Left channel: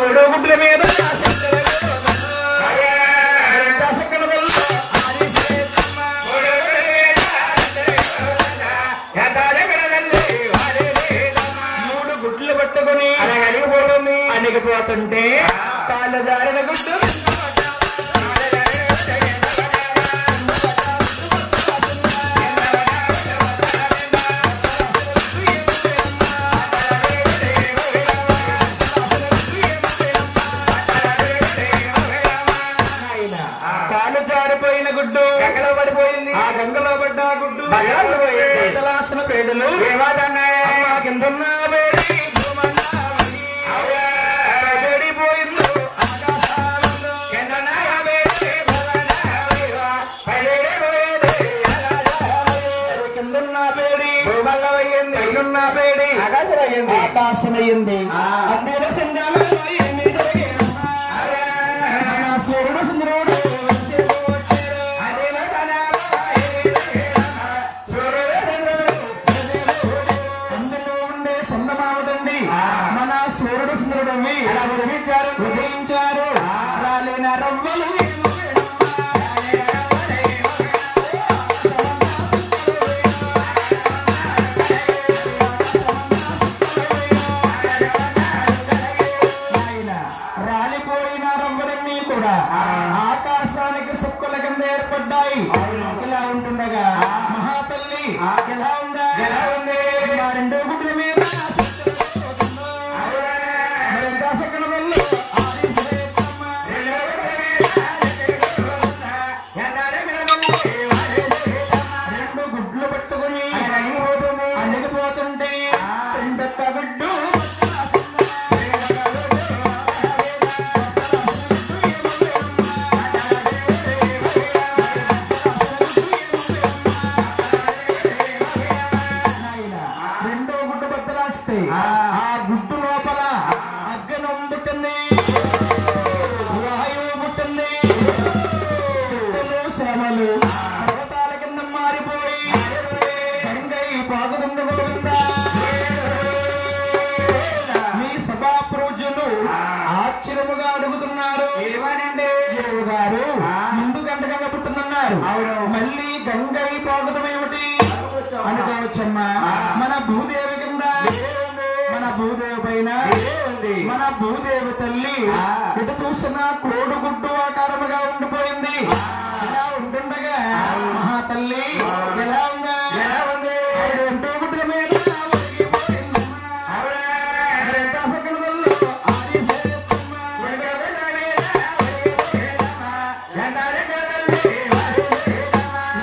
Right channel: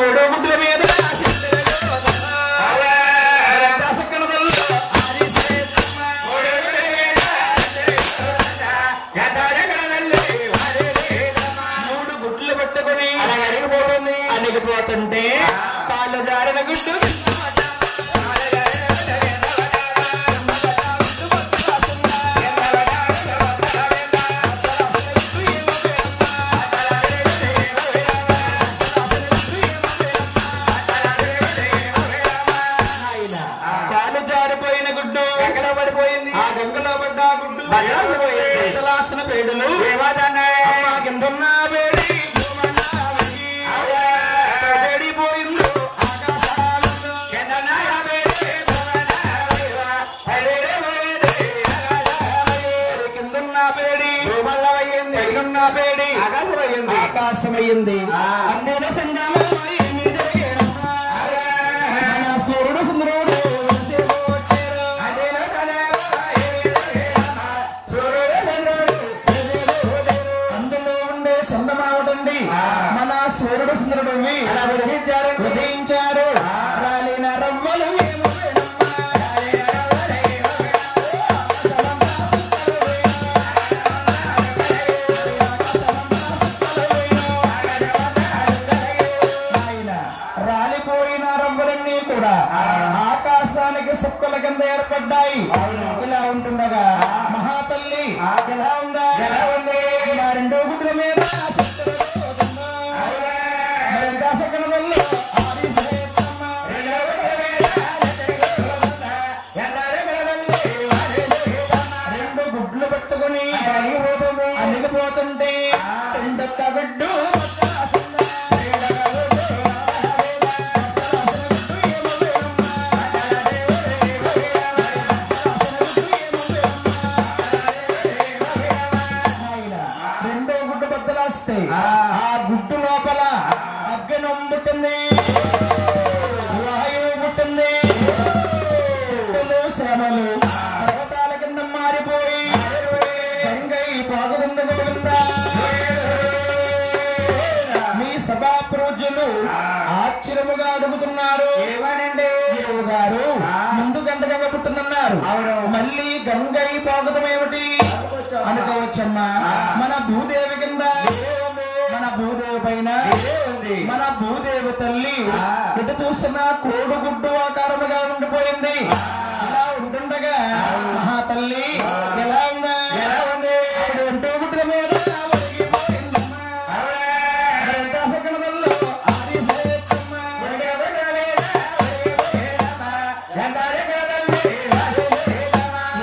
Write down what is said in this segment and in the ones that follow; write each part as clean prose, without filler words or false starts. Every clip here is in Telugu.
మూడో గుడ్ల మీద మూడు గుడ్లు పట్టుకుని అలిగిపోతుంది. అలిగిపోతుంటే కాళ్ళు దారిన గుడ్డు పడిపోయింది. ఆ గంగలో పడ్డ గుడ్డు బదలాసిన పేడులు కిందన్న పేడిపోయింది. కిందన్న పేడి పైనున్న పేడి ఆకాశమయ్యింది. అన్నేన సంగమ సూర్యుడు సుందరుడు మన సూర్యుడు సుందరుడు అలా ఉదయించారు. రాలిన రవ్వలు రాలిపోయిన రవ్వలన్నీ కూడా ఆకాశానికి సుక్కల కింద ఏర్పడ్డాయి. ఇలా ఉంటుండగా మహాతల్లి ఎలా ఉందా రెండో గుడ్ల మీద రెండు గుడ్లు పట్టుకుని అలిగిపోతుంటే రెండొక్క గుడ్డు రెండో గుడ్డు బద్దలాస్తాయి. ఆ గుడ్డు లోపల అగ్గను పుట్టింది, వాయువు పుట్టింది. శ్రమలు పర్వతాల కింద మారిపోయి గంగై పాగుతుందా. మీ సభా ప్రజలు ఆశ్చర్యముగా అడుగుతున్నారు. ఏమనండి గారు ముందు గంటగా పుట్టిందన్నారు. మళ్ళీ గంగై పాగుతమేమిటి అనుకోవచ్చమ్మా. మన భూదేవి కింద మన భూదేవి పైన మన భూదేవి తల్లి ఎటు చూసిన కోడుగుడ్డు ఆకారముగా ఉండిపోయింది. ఇలా ఉంటుండగా మహాతల్లి ఎలా ఉందా రెండో గుడ్ల మీద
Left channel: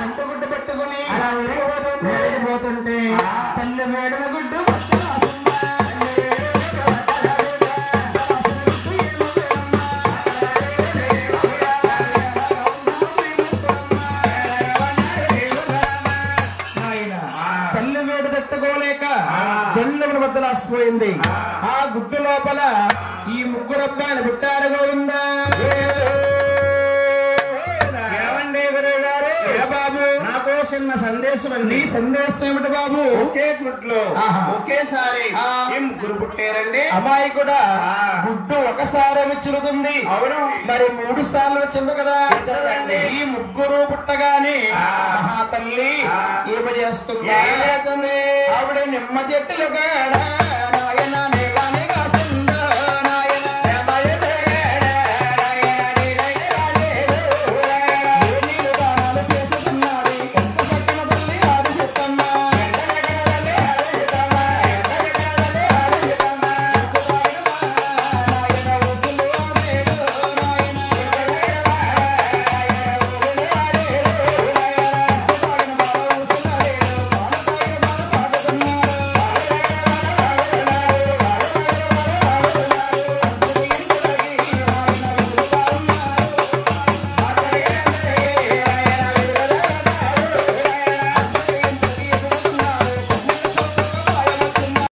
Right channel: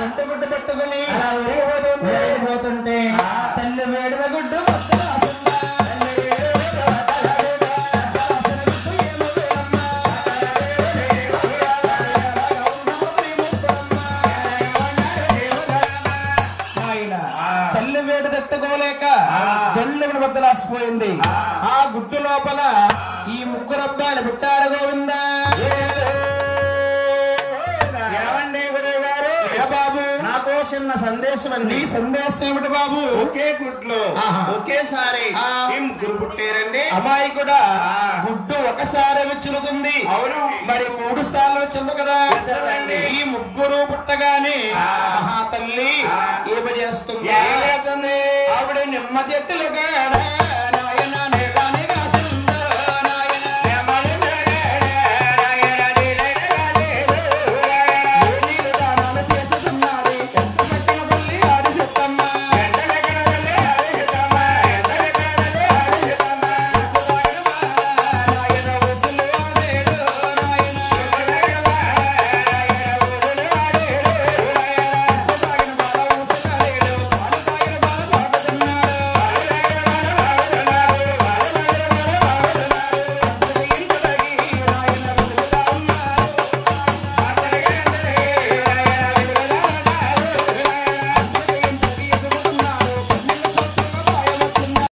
ఎంత గుడ్డు పెట్టుకుని అలా ఉరిగిపోతుంటే తల్లి మేడల గుడ్డు తల్లి వేడి తట్టుకోలేక గొల్లును బద్దలాసిపోయింది. ఆ గుడ్డు లోపల ఈ ముగ్గురు అబ్బాయిలు పుట్టారు. గోవిందా బాబు నా కోసం నా సందేశం అండి. సందేశం ఏమిటి బాబు? ఒకే గుడ్లో ఒకేసారి ముగ్గురు పుట్టారండి. అబ్బాయి కూడా గుడ్డు ఒకసారి చిలుకుంది. అవును, మరి 3 సార్లు వచ్చింది కదా. ఈ ముగ్గురు పుట్టగానే మహాతల్లి ఏమి చేస్తుంది? ఆవిడ నిమ్మ చెట్టులుగా